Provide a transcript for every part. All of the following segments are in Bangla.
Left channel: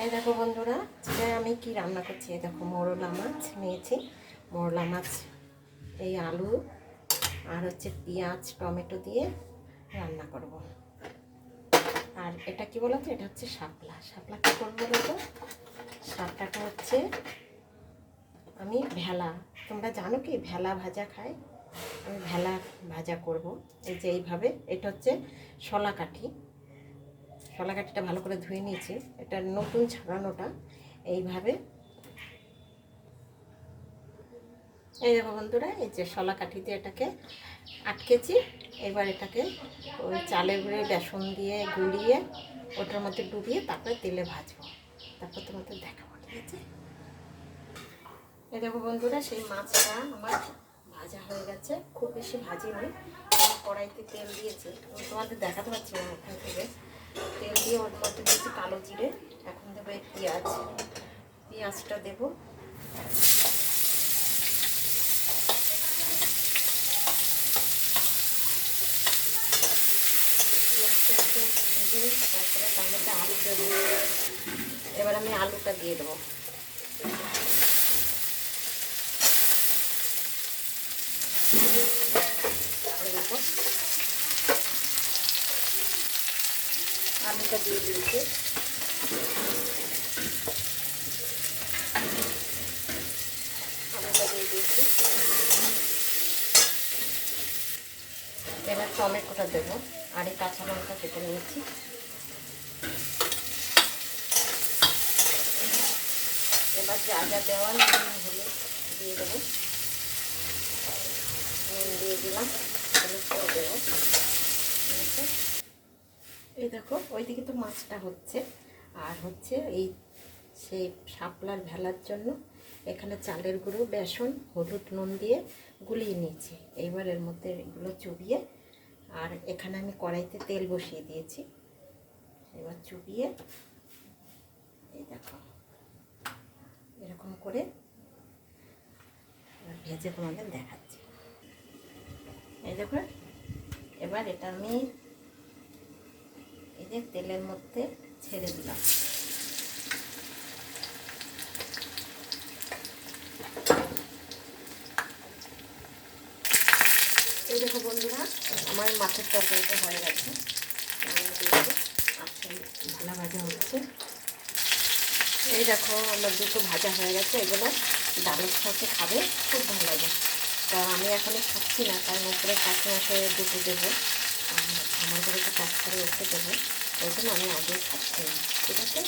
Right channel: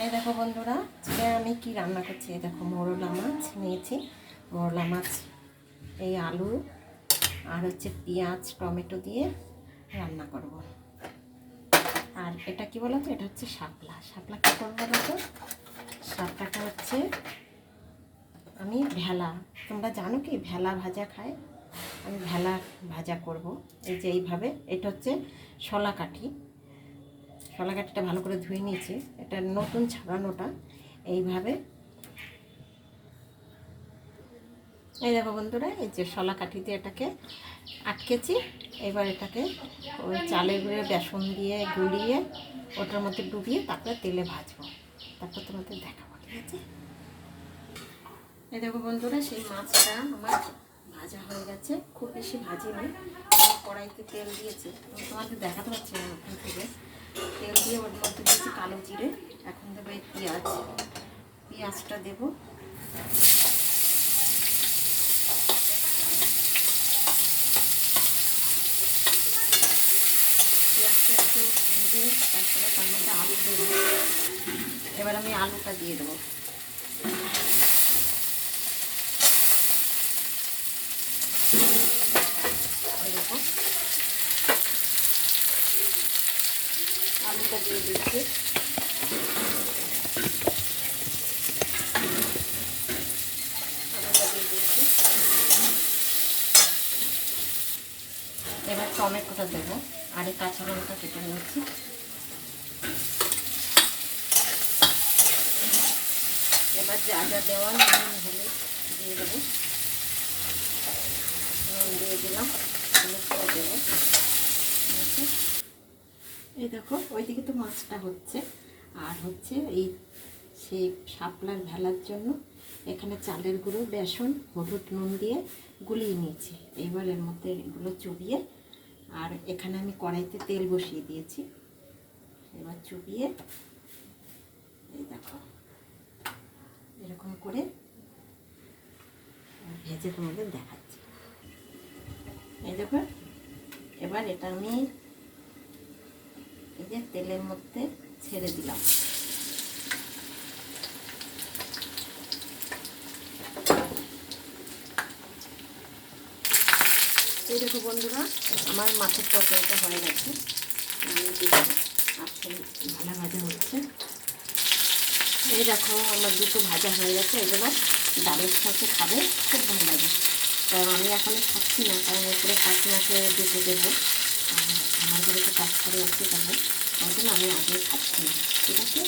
এই দেখো বন্ধুরা, আজকে আমি কি রান্না করছি। এই দেখো মোরলা মাছ নিয়েছি। মোরলা মাছ এই আলু আর হচ্ছে পেঁয়াজ টমেটো দিয়ে রান্না করব। আর এটা কি বলো তো, এটা হচ্ছে শাপলা। শাপলা কী করবো বলো তো, শাপলাটা হচ্ছে আমি ভেলা, তোমরা জানো কি ভেলা ভাজা খায়, আমি ভেলা ভাজা করব। এই যে এইভাবে, এটা হচ্ছে শলা কাঠি। শলা কাঠিটা ভালো করে ধুয়ে নিয়েছি, এটা নতুন ছাড়ানোটা। এইভাবে এই দেখো বন্ধুরা, এই যে শলা কাঠিতে এটাকে আটকেছি। এবার এটাকে ওই চালের গুঁড়ে বেসন দিয়ে গুলিয়ে ওটার মধ্যে ডুবিয়ে তারপরে তেলে ভাজবো, তারপর তোমাদের দেখাবো, ঠিক আছে। এই দেখো বন্ধুরা, সেই মাছটা আমার ভাজা হয়ে গেছে, খুব বেশি ভাজিনি। কড়াইতে তেল দিয়েছি, তোমাদের দেখাতে পারছি না ওখান থেকে। তেল দিয়ে ওর মধ্যে দিয়েছি কালো জিরে, এখন দেবো এই পেঁয়াজ। পেঁয়াজটা দেবো, পেঁয়াজটা একটু ভেজে তারপরে তার মধ্যে আলু দেবো। এবার আমি আলুটা দিয়ে দেবো। দেখো আলুটা দিয়ে দিয়েছি। আলুটা দিয়ে দিয়েছি, এবার টমেটোটা দেবো। আর এই কাঁচা লঙ্কা কেটে নিয়েছি। এবার যা যা দেওয়া নুন হলে দিয়ে দেবো। নুন দিয়ে দিলাম, হলুদটাও দেবো। এই দেখো ওইদিকে তো মাছটা হচ্ছে, আর হচ্ছে এই সেই শাপলার ভেলার জন্য এখানে চালের গুঁড়ো বেসন হলুদ নুন দিয়ে গুলিয়ে নিয়েছি। এইবার এর মধ্যে এগুলো চুবিয়ে, আর এখানে আমি কড়াইতে তেল বসিয়ে দিয়েছি। এবার চুবিয়ে এই দেখো এরকম করে ভেজে তোমাদের দেখাচ্ছি। এই দেখো, এবার এটা আমি এই যে তেলের মধ্যে ছেড়ে দিলাম। এই দেখো বন্ধুরা, আমার মাছের তরকারিটা হয়ে গেছে, আমি দিয়ে দেবো। আর সেই ভাজা ভাজা হচ্ছে। এই দেখো আমার দুটো ভাজা হয়ে গেছে, এগুলো ডালের সাথে খাবে খুব ভালো লাগে। কারণ আমি এখনও খাচ্ছি না, কারণ উপরে কাঁচি মাছে দুটো দেবো, আর আমাদের একটু কাজ করে উঠতে দেবো, ওই জন্য আমি আগেই খাচ্ছি না। ঠিক আছে,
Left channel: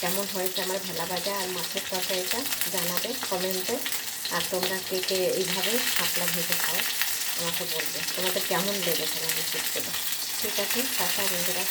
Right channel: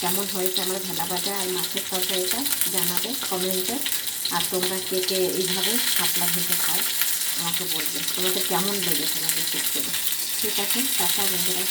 কেমন হয়েছে আমার ভেলা ভাজা আর মাছের তরকারিটা জানাবে কমেন্টে। আর তোমরা কে কে এইভাবে শাপলা ভেজে খাও আমাকে বলবে, তোমাদের কেমন লেগেছে আমি শিখতে। ঠিক আছে, টাটা বন্ধুরা।